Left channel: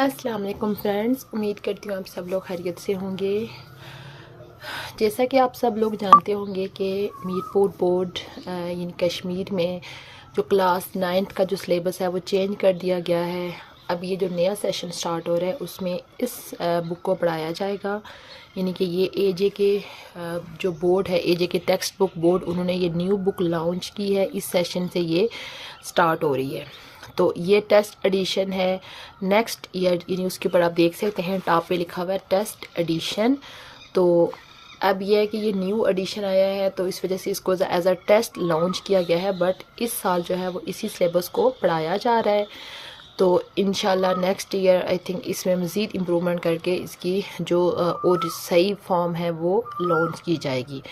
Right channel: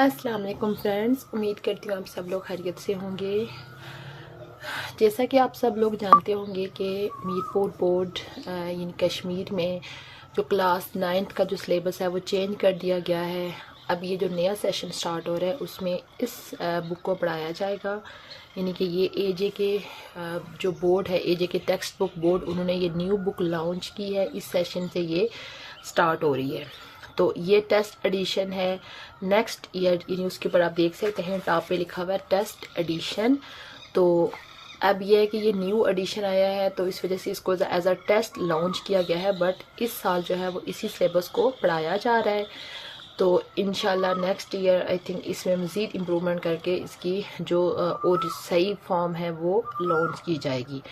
अस्सलाम वालेकुम फ्रेंड्स, उम्मीद करती हूँ आप सब लोग खैरियत से होंगे। जैसा कि आप सब लोग जानते होंगे कि मीरपुर बोर्ड यानी कश्मीर में जो क्लास 9th का जो सिलेबस है वो चेंज कर दिया गया है। अब ये जो नया सेशन स्टार्ट हो रहा है उसमें इस बुक को पढ़ाया जाएगा। यानी कि ये एजे के जो बोर्ड है, एजे के टेक्स्ट बुक बोर्ड, उन्होंने ये न्यू बुक लॉन्च की है। इस सेशन से ये स्टार्ट हो रही है। तो ये टेस्ट एडिशन है नेक्स्ट ईयर, यानी उसके ऊपर आप देख सकते हैं टॉप पे लिखा हुआ है टेस्ट एडिशन। तो अब यह है कि ये न्यू एडिशन आया है तो इस वजह से इसको एज अ टेस्ट लॉन्च किया गया है। बट इस साल जो है वो इसी सिलेबस को पढ़ाया जा रहा है। तो इंशाल्लाह नेक्स्ट ईयर आई थिंक इसमें मज़ीद इम्प्रूवमेंट करके इसकी जो और सही फॉर्म है वो लॉन्च की जाएगी।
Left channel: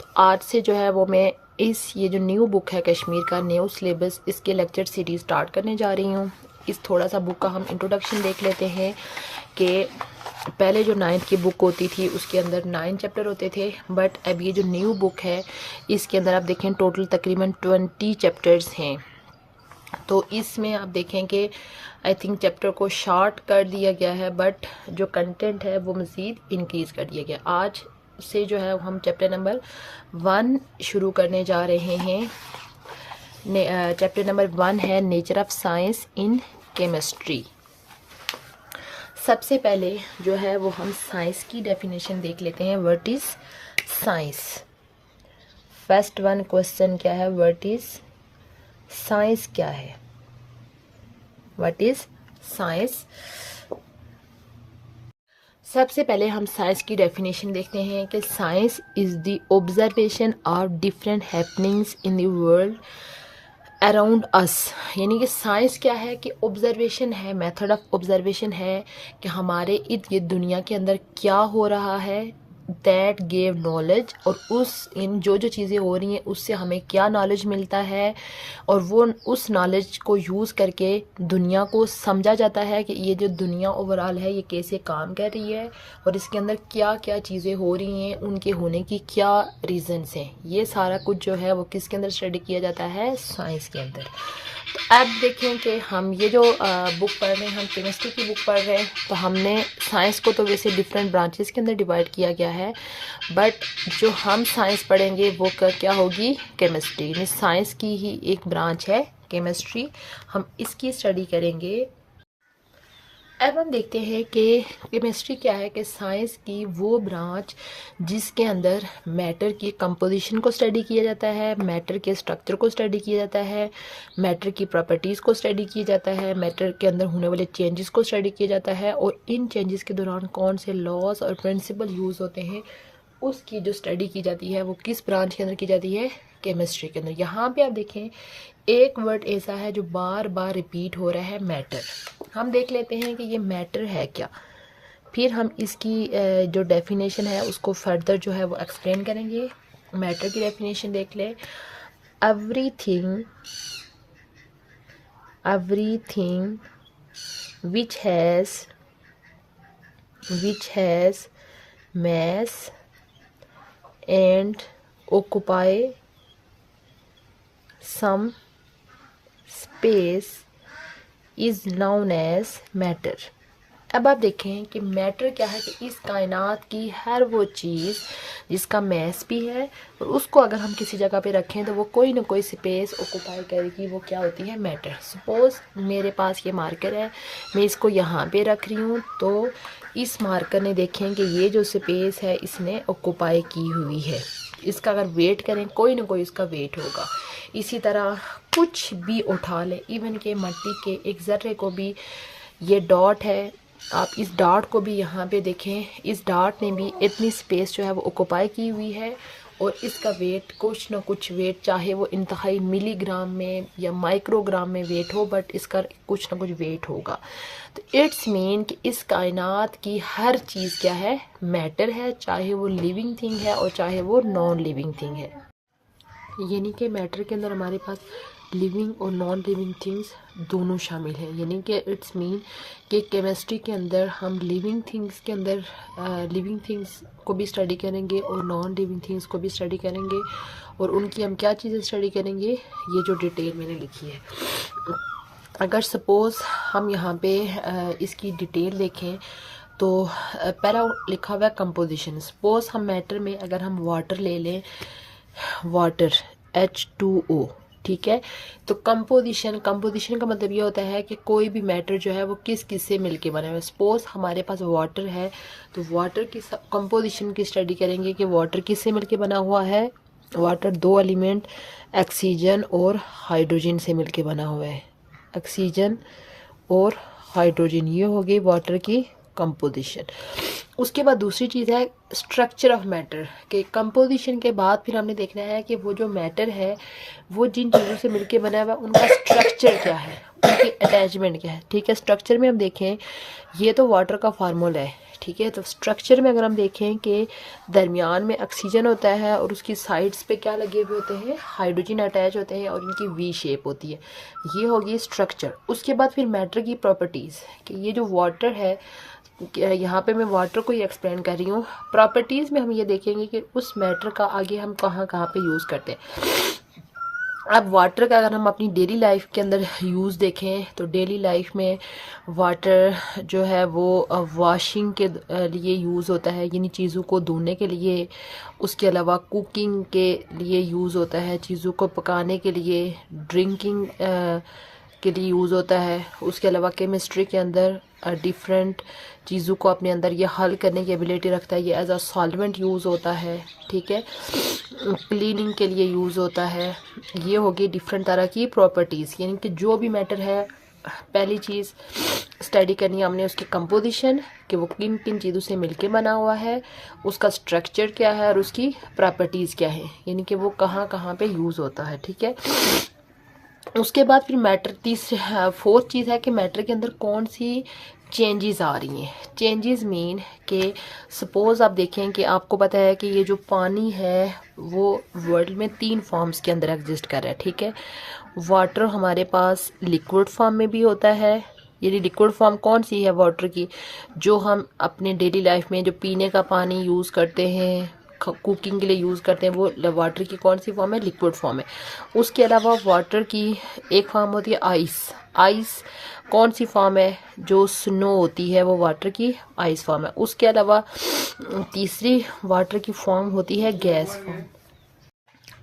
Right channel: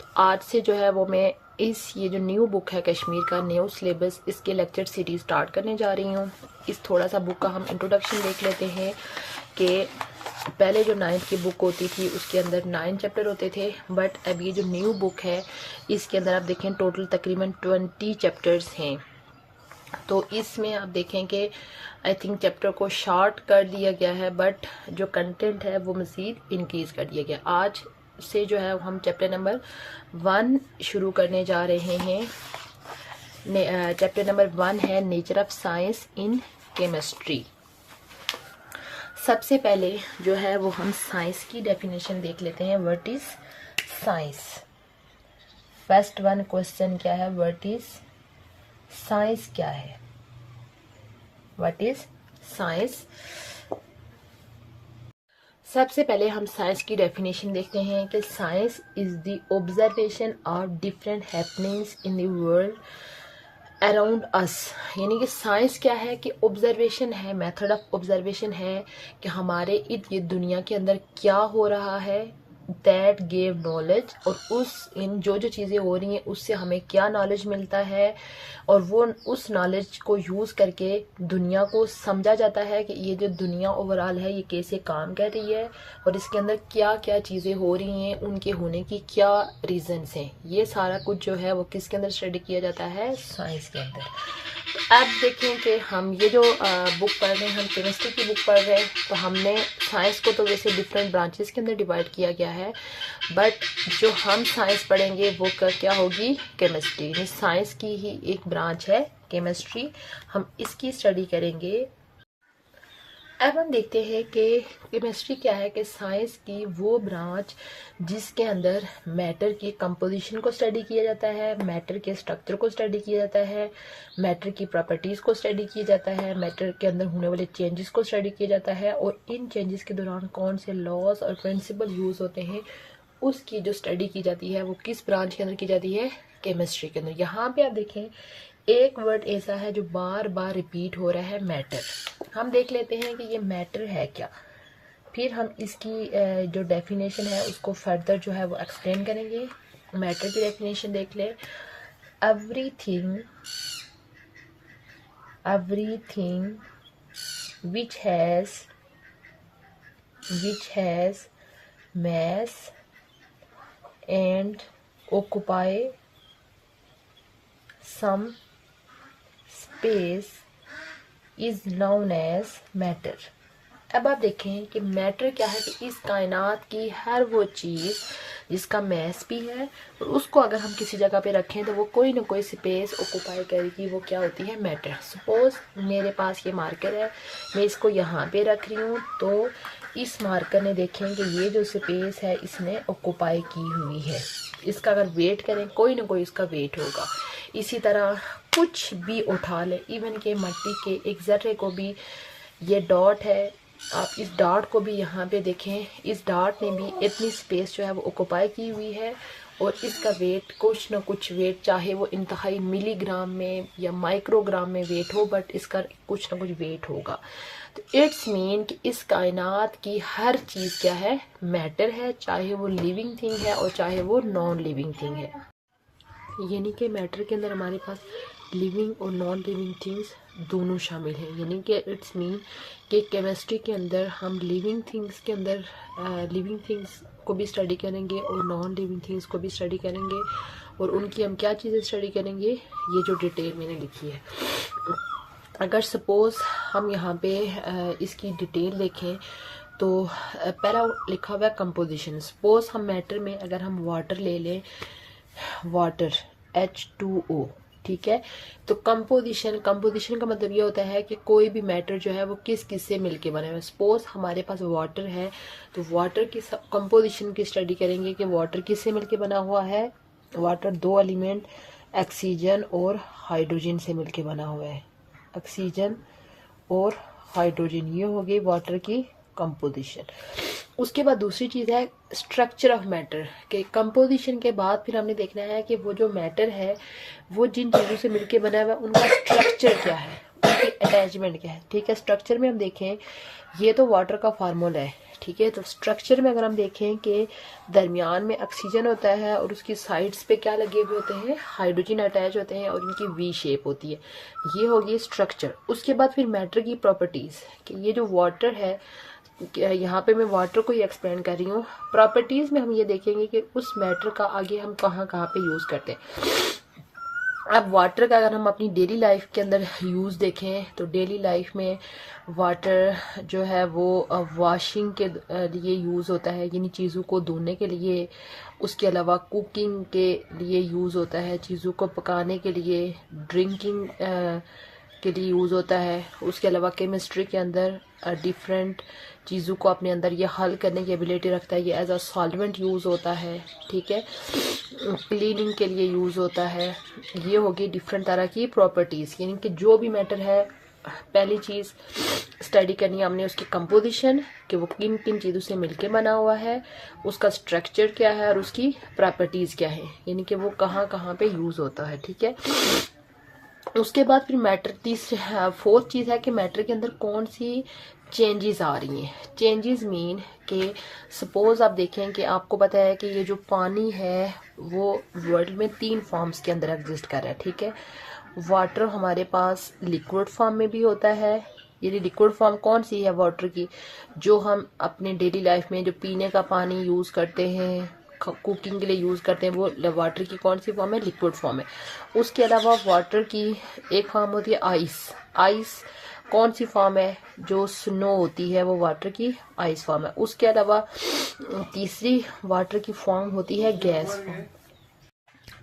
तो आज से जो है वो मैं ये जो न्यू बुक है कश्मीर का न्यू सिलेबस, इसके लेक्चर सीरीज स्टार्ट करने जा रही हूँ। इस थोड़ा सा बुक का हम इंट्रोडक्शन देख लेते हैं कि पहले जो 9th की बुक होती थी उसके अंदर 9 चैप्टर होते थे। बट अब ये जो न्यू बुक है इसके अंदर आप देखें टोटल तकरीबन 20 चैप्टर्स हैं। तो इसमें आप देखें कि आई थिंक चैप्टर को शॉर्ट कर दिया गया है बट जो कंटेंट है वो मज़ीद इंक्रीज़ कर दिया गया। आज से जो है हम चैप्टर नंबर 1 शुरू करने जा रहे हैं। चैप्टर नंबर 1 है nature of science in chemistry. सबसे पहले जो है वो हम साइंस की डेफिनेशन देख लेते हैं। What is science? First one question क्या है, व्हाट इज साइंस क्या है? What is science? सबसे पहले हम साइंस की डेफिनेशन देखते हैं कि science is the observation of different happenings in the world around us. यानी कि साइंस क्या है कि ऑब्जर्वेशन है, मेथड ऑफ ऑब्जर्वेशन है कि हमारे इर्द गिर्द दुनिया के अंदर क्या हो रहा है। दैट गेव नॉलेज, और उस इन जो जो चीज़ें हो रही हैं उससे हमें क्या नॉलेज मिलता है और वो उस नॉलेज को यूज़ करके दुनिया को समझा जाता है कि ये जो दुनिया ओवरऑल है ये कैसे काम कर रही है और इसके अंदर क्या क्या चीज़ें हो रही हैं, उनके होने की क्या रीजंस हैं। ये सारा कुछ जो है वो किसके अंदर स्टडी किया जाता है? साइंस के अंदर। तो अब देखें कि हम ये जो बुक पढ़ रहे हैं, हम केमिस्ट्री की बुक पढ़ रहे हैं। तो हमने साइंस को तो वैसे डिफरेंट ब्रांचेस के अंदर डिवाइड किया गया है बट जो हम साइंस पढ़ेंगे वो क्या होगी? केमिस्ट्री। साइंस की ही एक ब्रांच है केमिस्ट्री, हम इसकी स्टडी करेंगे। अब हम देखते हैं कि केमिस्ट्री क्या है कि साइंस की वो ब्रांच जिसके अंदर मैटर की कंपोजिशन को स्टडी किया जाता है, मैटर के स्ट्रक्चर को स्टडी किया जाता है, मैटर की प्रॉपर्टीज़ को स्टडी किया जाता है, मैटर के अंदर होने वाले चेंजेस को स्टडी किया जाता है और इन चेंजेस के दौरान कौन से लॉज और प्रिंसिपल यूज़ होते हैं उसकी जो स्टडी की जाती है वो किस ब्रांच के अंदर की जाती है? केमिस्ट्री के अंदर। यहाँ पे आप देखें एक वर्ड ऐसा है जो बार बार रिपीट हो रहा है, मैटर। हम देख लेते हैं कि ये मैटर है क्या, फिर हम इसकी जो डेफिनेशन है उसको फर्दर जो है वो एक्सप्लेन करेंगे। मैटर की डेफिनेशन देख ले। Everything which has mass and occupy some space is known as matter। अब आप देखें कि मैटर क्या है कि इस कायनात की हर वो चीज़ जिसका मैस भी है और उसको अगर हम किसी जगह पे रखें तो वो कोई ना कोई स्पेस ऑक्यूपाई करेगी, वो क्या होती है? मैटर। सपोज मेरे पास ये मार्कर है, मैं इसको यहाँ पे रख रही हूँ तो इस मार्कर ने देखें कि ये जो स्पेस है इसने ऑक्यूपाई की हुई है। इसका अगर वेट करें कोई ना कोई उसका वेट होगा। इसी तरह कुछ भी उठा लें, इवन के मिट्टी के एक ज़र्रे को भी, ये डॉट है, आप इस डॉट को भी यहाँ पे देखें, इस डॉट ने भी इतनी स्पेस जो है वो ऑक्यूपाई की हुई है और इसका वेट कुछ ना कुछ वेट, चाहे वो इंतहाई मिलीग्राम में या माइक्रोग्राम में वेट हो, बट इसका कुछ ना कुछ वेट होगा। तो इट्स मीन कि इस कायनात की हर चीज़ क्या है? मैटर है, चाहे वो लिविंग थिंग है और चाहे वो नॉन लिविंग थिंग है। यानी कि मैटर के अंदर हमारे पास लिविंग और नॉन लिविंग थिंग्स दोनों शामिल हैं। यानी कि इट्स मीन कि केमिस्ट्री के अंदर हम लिविंग थिंग्स के अंदर लिविंग थिंग्स को भी स्टडी करेंगे और नॉन लिविंग थिंग्स को भी स्टडी करेंगे और उनकी हम क्या चीज़ें स्टडी करेंगे, ये जो डिटेल मैंने लिखी है। अगर सपोज़ हम यहाँ पे इसकी डिटेल देखें तो पहला लिखा हुआ है कंपोजिशन। सपोज़ हम मैटर में अगर हम वाटर ले लें, वाटर H2O, ठीक है। तो कंपोजिशन का मतलब ये होता है कि कोई भी मैटर जो है वो किस किस से मिलके बना है। सपोज हमारे पास वाटर है तो वाटर की कंपोजिशन की स्टडी करेंगे कि वाटर किस से मिलके बना हुआ है। वाटर दो एलिमेंट ऑक्सीजन और हाइड्रोजन से मिलके बना हुआ है। ऑक्सीजन और हाइड्रोजन, ये हो गई वाटर की कंपोजिशन। उसके बाद दूसरी चीज़ है स्ट्रक्चर ऑफ मैटर के कंपोजिशन के बाद फिर हमने देखना है कि वो जो मैटर है वो जिन चीज़ों से मिलके बना हुआ है उनका स्ट्रक्चर क्या है, उनकी अटैचमेंट क्या है, ठीक है। स्ट्रक्चर में हम देखें, ये तो वाटर का फार्मूला है, ठीक है। तो स्ट्रक्चर में अगर हम देखें कि दरमियान में ऑक्सीजन होता है और उसकी साइड्स पे क्या लगे हुए होते हैं, हाइड्रोजन अटैच होते हैं और इनकी वी शेप होती है, ये होगी स्ट्रक्चर। उसके बाद फिर मैटर की प्रॉपर्टीज़ कि ये जो वाटर है, यहाँ पे मैं वाटर को ही एक्सप्लेन कर रही हूँ। प्रॉपर्टीज़ में हम ये देखेंगे कि उस मैटर का आगे हम कहाँ कहाँ पे यूज़ करते हैं। अब वाटर का अगर हम अपनी डेली लाइफ के अंदर यूज़ देखें तो डेली लाइफ में वाटर जो है वो वॉशिंग के लिए यूज़ होता है, यानी चीज़ों को धोने के लिए। उसके अलावा कुकिंग के लिए यूज़ होता है, चीज़ों को पकाने के लिए, ड्रिंकिंग के लिए यूज़ होता है। उसके अलावा केमिस्ट्री के अंदर डिफरेंट चीज़ों को अपने अंदर ये हल करने की एबिलिटी रखता है, ये एज अ सॉल्वेंट यूज़ होता है, ठीक है। क्लीनिंग के लिए यूज़ होता है। ये होगी डिफरेंट तरह की प्रॉपर्टीज़, यानी कि जो भी मैटर है पहली चीज़ स्टडी करनी है हमने उसकी कंपोजिशन कि वो किन किन चीज़ों से मिलके बना हुआ है, उसका स्ट्रक्चर क्या है और उसकी प्रॉपर्टीज़ क्या है, यानी कि वो कहाँ कहाँ पे यूज़ होता है, ठीक है। उसके बाद फिर मैटर फोर्थ चीज़ है कि मैटर के अंदर कौन सी चेंजेस आ रही हैं। चेंजेस मीन कि सपोज़ आप देखें कि आपको पता है कि ये जो पानी है वो वर्ल्ड में 3 फॉर्म्स के अंदर एग्जिस्ट कर रहा है, ठीक है। वाटर हमारे पास लिक्विड फॉर्म में भी होता है, ये लिक्विड फॉर्म कौन सी है वाटर की, जो हम अपने डेली लाइफ में जो पीने का पानी यूज़ करते हैं, कुकिंग के लिए यूज़ करते हैं, वो वाटर की कौन सी फॉर्म है, लिक्विड फॉर्म है। उसके अलावा वाटर की एक फॉर्म होती है आइस। आइस कौन सी फॉर्म है, जो स्नो होती है वो वाटर की आइस फॉर्म है। उसके अलावा तीसरी वाटर की फॉर्म होती है गैस फॉर्म।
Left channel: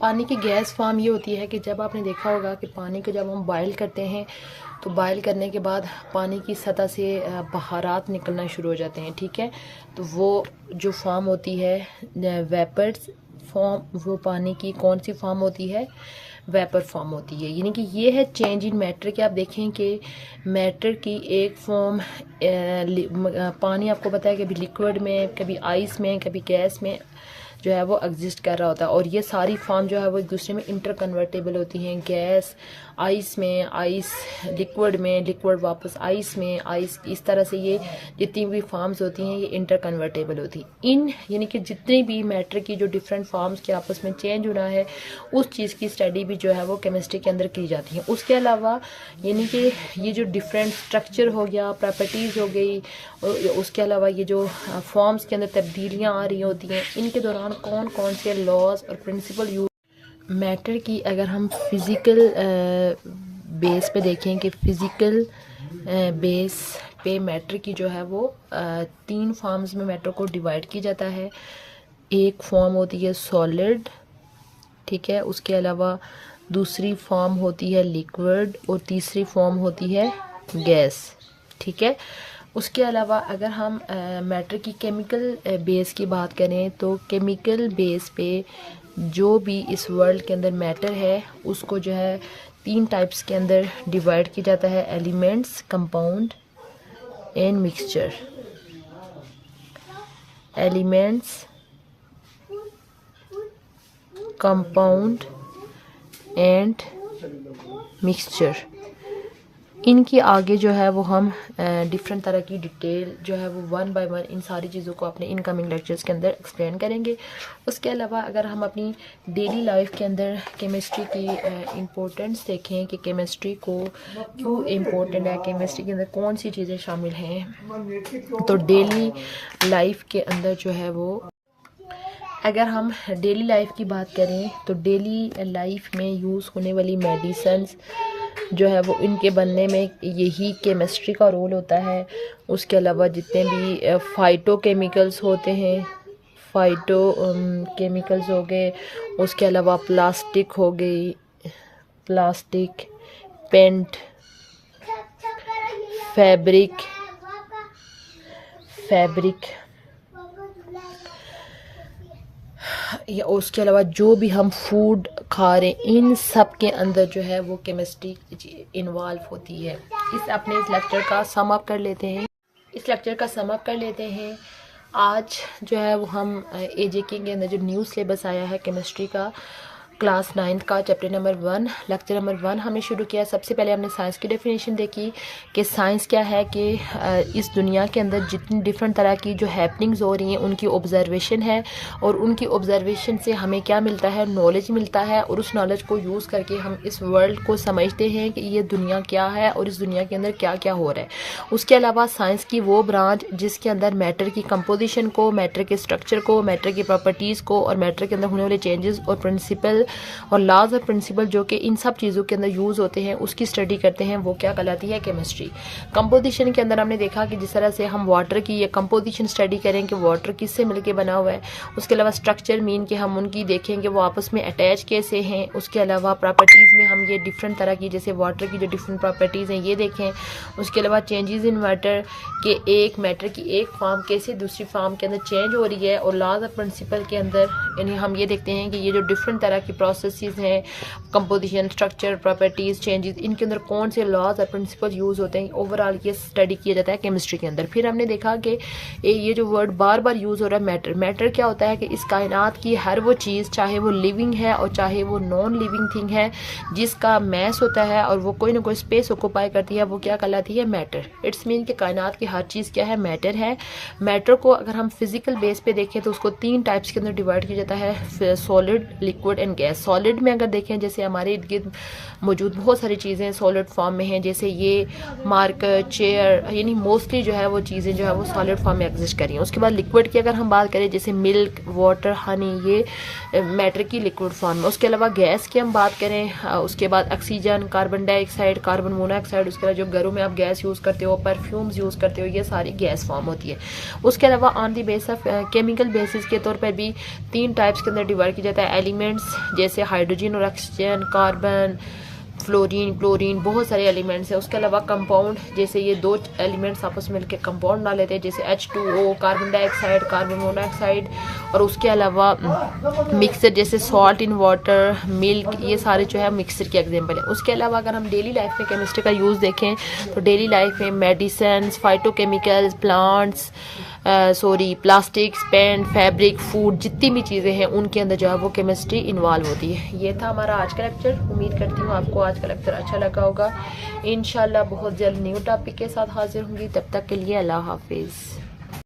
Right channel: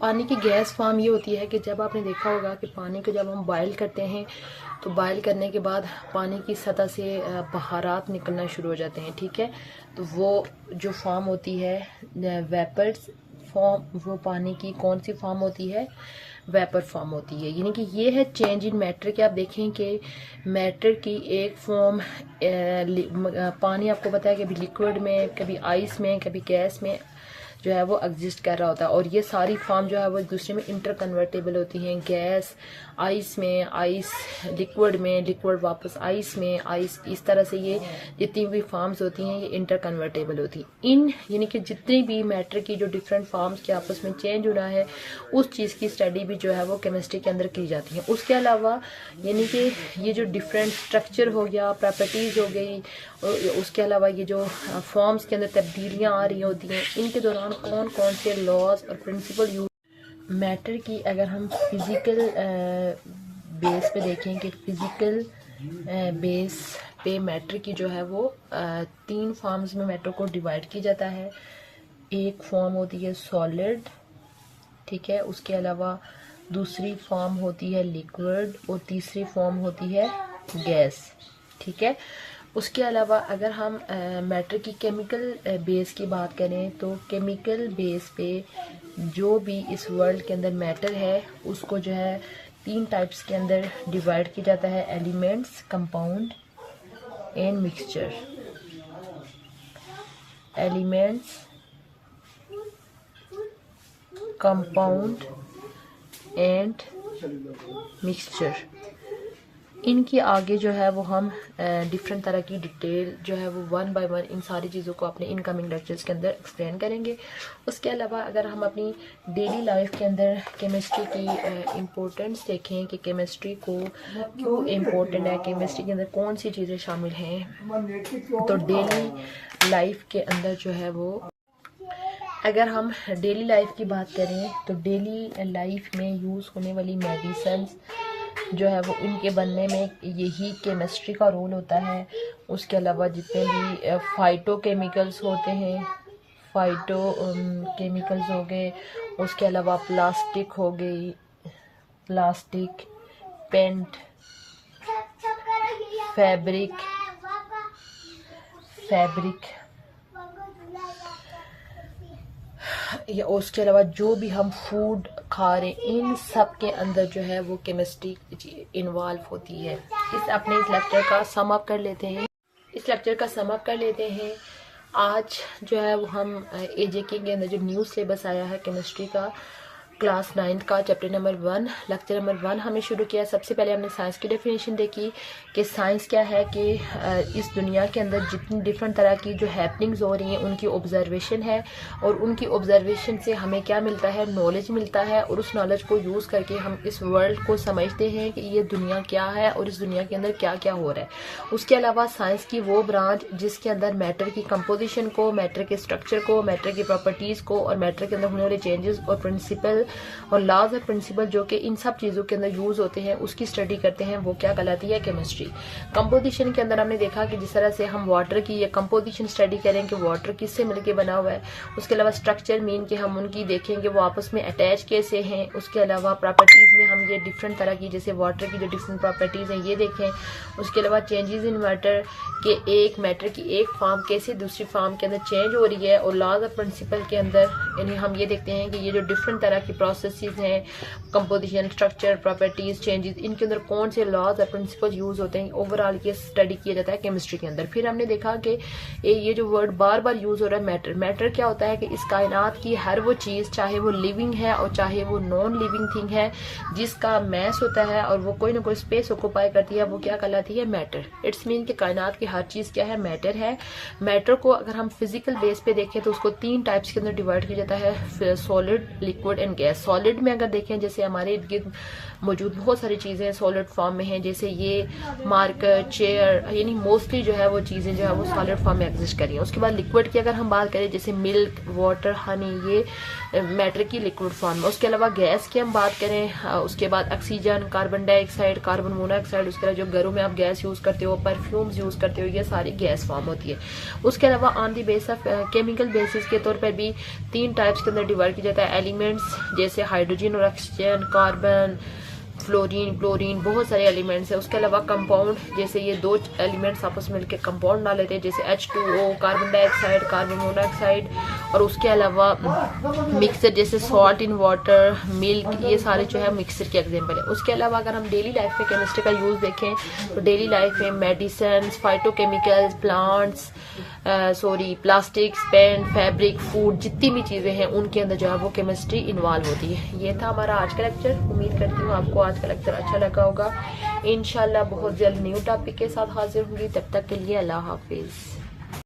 पानी की गैस फॉर्म ये होती है कि जब आपने देखा होगा कि पानी को जब हम बॉयल करते हैं तो बॉयल करने के बाद पानी की सतह से बहारात निकलना शुरू हो जाते हैं, ठीक है। तो वो जो फॉर्म होती है वेपर्स फॉर्म, वो पानी की कौन सी फॉर्म होती है, वेपर फॉर्म होती है। यानी कि ये है चेंज इन मैटर के। आप देखें कि मैटर की एक फॉर्म पानी आपको पता है कभी लिक्विड में, कभी आइस में, कभी गैस में जो है वो एग्जिस्ट कर रहा होता है, और ये सारी फॉर्म जो है वो एक दूसरे में इंटर कन्वर्टेबल होती हैं। गैस आइस में, आइस लिक्विड में, लिक्विड वापस आइस में, आइस, इस तरह से ये जितनी भी फॉर्म्स होती हैं ये इंटर कन्वर्टेबल होती हैं। इन यानी कि जितनी भी मैटर की जो डिफरेंट फॉर्म्स के आपस में चेंज होना है उस चीज़ की स्टडी भी जो है वो केमिस्ट्री के अंदर की जाती है। उसके अलावा यानी कि ये जो डिफरेंट स्ट्रक्चर हो गया, प्रॉपर्टीज़ हो गई, और उसके अलावा ये जो फॉर्म्स के अंदर तब्दीलियाँ आ रही होती हैं, इनके दौरान कौन कौन से लॉज और प्रिंसिपल यूज मैटर की। अगर हम फिज़िकल बेस पे देखें कि फिज़िकल बेस पे मैटर की जो है वो 3 फॉर्म्स में मैटर को डिवाइड किया जाता है। एक फॉर्म होती है सॉलिड, ठीक है। उसके अलावा दूसरी फॉर्म होती है लिक्विड और तीसरी फॉर्म होती है गैस, ठीक है। उसके अलावा अगर हम मैटर की केमिकल बेस की बात करें तो केमिकल बेस पे जो भी इस वर्ल्ड के अंदर मैटर है उसको जो है 3 टाइप्स के अंदर डिवाइड किया जाता है, elements, compound and mixture. Elements, compound and mixture, इनकी आगे जो है वो हम डिफरेंट तरह की डिटेल जो है वो 1 बाय 1 इन सारी चीज़ों को अपने इनकमिंग लेक्चर्स के अंदर एक्सप्लेन करेंगे। उसके अलावा अगर हम अपनी डेली लाइफ के अंदर केमिस्ट्री की इम्पोर्टेंस देखें कि केमिस्ट्री को क्यों इम्पोर्टेंट है, केमिस्ट्री के अंदर कौन सी चीज़ें शामिल हैं, तो डेली लाइफ के अंदर जो है वो अगर हम डेली लाइफ की बात करें तो डेली लाइफ में यूज़ होने वाली मेडिसिन्स जो है वो इनके बनने में यही केमिस्ट्री का रोल होता है। उसके अलावा जितने भी फाइटो केमिकल्स होते हैं, फाइटो केमिकल्स हो गए, उसके अलावा प्लास्टिक हो गई, प्लास्टिक, पेंट, फैब्रिक, या उसके अलावा जो भी हम फूड खा रहे हैं इन सब के अंदर जो है वो केमिस्ट्री इन्वॉल्व होती है। अपने इस लेक्चर का सम अप कर लेते हैं। आज जो है वो हम एजेके के अंदर जो न्यू सिलेबस आया है केमिस्ट्री का, क्लास 9 का चैप्टर नंबर 1, लेक्चर नंबर 1 हमने शुरू किया। सबसे पहले हमने साइंस की डेफिनेशन देखी कि साइंस क्या है, कि इस दुनिया के अंदर जितनी डिफरेंट तरह की जो हैपनिंग्स हो रही हैं उनकी ऑब्जर्वेशन है, और उनकी ऑब्जर्वेशन से हमें क्या मिलता है, नॉलेज मिलता है, और उस नॉलेज को यूज़ करके हम इस वर्ल्ड को समझते हैं कि ये दुनिया क्या है और इस दुनिया के अंदर क्या क्या हो रहा है। उसके अलावा साइंस की वो ब्रांच जिसके अंदर मैटर की कंपोजिशन को, मैटर के स्ट्रक्चर को, मैटर की प्रॉपर्टीज़ को, और मैटर के अंदर होने वाले चेंजेस और प्रिंसिपल और लॉज और प्रिंसिपल जो कि इन सब चीज़ों के अंदर यूज़ होते हैं उसकी स्टडी करते हैं, वो क्या कहलाती है, केमिस्ट्री। कंपोजिशन के अंदर हमने देखा कि जिस तरह से हम वाटर की ये कंपोजिशन स्टडी करें कि वाटर किससे मिलके बना हुआ है। उसके अलावा स्ट्रक्चर मीन कि हम उनकी देखें कि वो आपस में अटैच कैसे हैं। उसके अलावा प्रॉपर्टीज़ में हम ये डिफरेंट तरह की, जैसे वाटर की जो डिफरेंट प्रॉपर्टीज़ हैं ये देखें। उसके अलावा चेंजेस इन मैटर के, एक मैटर की एक फॉर्म कैसे दूसरी फॉर्म के अंदर चेंज हो रही है, और लॉज ऑफ प्रिंसिपल के अंदर यानी हम ये देखते हैं कि ये जो डिफरेंट तरह की प्रोसेसेस हैं, कंपोजिशन, स्ट्रक्चर, प्रॉपर्टीज, चेंजेस, इनके अंदर कौन से लॉज और प्रिंसिपल यूज होते हैं, ओवरऑल ये स्टडी किया जाता है केमिस्ट्री के अंदर। फिर हमने देखा कि ये जो वर्ड बार बार यूज हो रहा है मैटर, मैटर क्या होता है कि इस कायनात की हर वो चीज़, चाहे वो लिविंग है और चाहे वो नॉन लिविंग थिंग है, जिसका मैस होता है और वो कोई ना कोई स्पेस ऑक्यूपाई करती है, वो क्या कहलाती है, मैटर। इट्स मीन कि कायनात की हर चीज़ क्या है, मैटर है। मैटर को अगर हम फिजिकल बेस पे देखें तो उसको 3 टाइप्स के अंदर डिवाइड किया जाता है, solid, liquid and gas. Solid में अगर देखें, जैसे हमारे इर्द गिर्द मौजूद बहुत सारी चीज़ें सॉलिड फॉर्म में हैं, जैसे ये मार्कर, चेयर, यानी मोस्टली जो है वो चीज़ें जो है वो सॉलिड फॉर्म में एग्जिस्ट कर रही हैं। उसके बाद लिक्विड की अगर हम बात करें, जैसे मिल्क, वाटर, हनी, ये मैटर की लिक्विड फॉर्म में। उसके अलावा गैस की हम बात करें, उसके बाद oxygen, carbon dioxide, carbon monoxide, उसके बाद जो घरों में आप गैस यूज़ करते हो, परफ्यूम्स यूज़ करते हो, ये सारी गैस फॉर्म होती है। उसके अलावा on the base of chemical basis के तौर पर भी 3 टाइप्स के अंदर डिवाइड किया जाता है एलिमेंट्स, जैसे हाइड्रोजन और ऑक्सीजन, कार्बन, फ्लोरीन, क्लोरीन, बहुत सारे एलिमेंट्स हैं। उसके अलावा कंपाउंड, जैसे ये 2 एलिमेंट्स आपस में मिलकर कंपाउंड बना लेते हैं, जैसे H2O, carbon dioxide, carbon monoxide, और उसके अलावा मिक्सर, जैसे सॉल्ट इन वाटर, मिल्क, ये सारे जो है मिक्सर के एग्जांपल है। उसके अलावा अगर हम डेली लाइफ में केमिस्ट्री का यूज़ देखें तो डेली लाइफ में medicine, phytochemicals, plants, plastics, paint, fabric, food, जितनी भी चीज़ें हैं उनके अंदर जो है वो केमिस्ट्री इन्वॉल्व होती है। ये था हमारा आज का लेक्चर। उम्मीद करती हूँ आपको आज का लेक्चर अच्छा लगा होगा। इंशाल्लाह बहुत जल्द न्यू टॉपिक के साथ हाजिर होंगी। तब तक के लिए अल्लाह हाफिज़।